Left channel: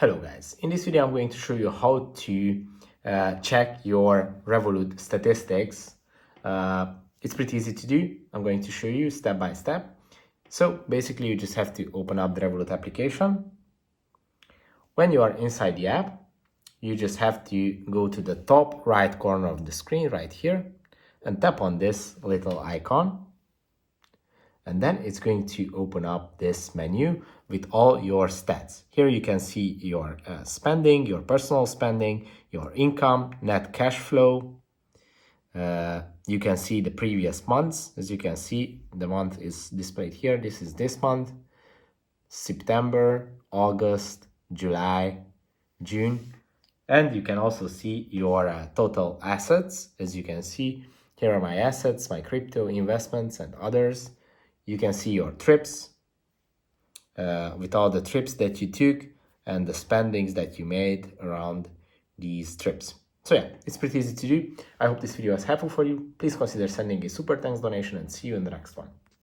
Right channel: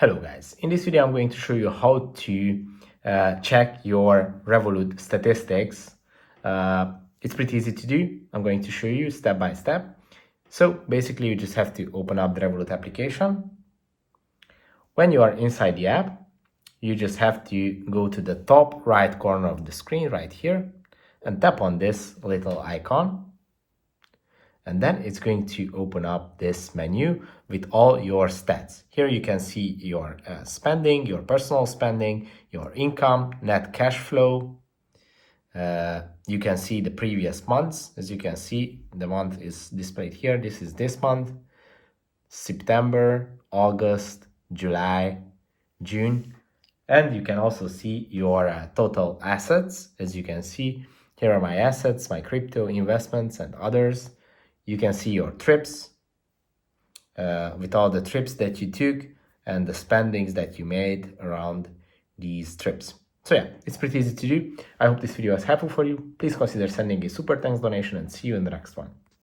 Hello guys, in this video I'm going to show you how to check your Revolut statistics. It's pretty easy to do. I'm going to show you step by step. So basically you just have to open up the Revolut application. When you are inside the app, you just have to go to the top right corner of the screen right here and tap on this little icon. And then it's going to open up this menu with all your stats. Here you can see your spending, your personal spending, your income, net cash flow. You can see the previous months. As you can see, the month is displayed here. This is this month, September, August, July, June. And you can also see your total assets. As you can see, here are my assets, my crypto investments and others. You can see your trips with all the trips that you took and the spendings that you made around these trips. So yeah, it's pretty easy to do. I hope this video was helpful for you. Please consider sending a super thanks donation and see you in the next one.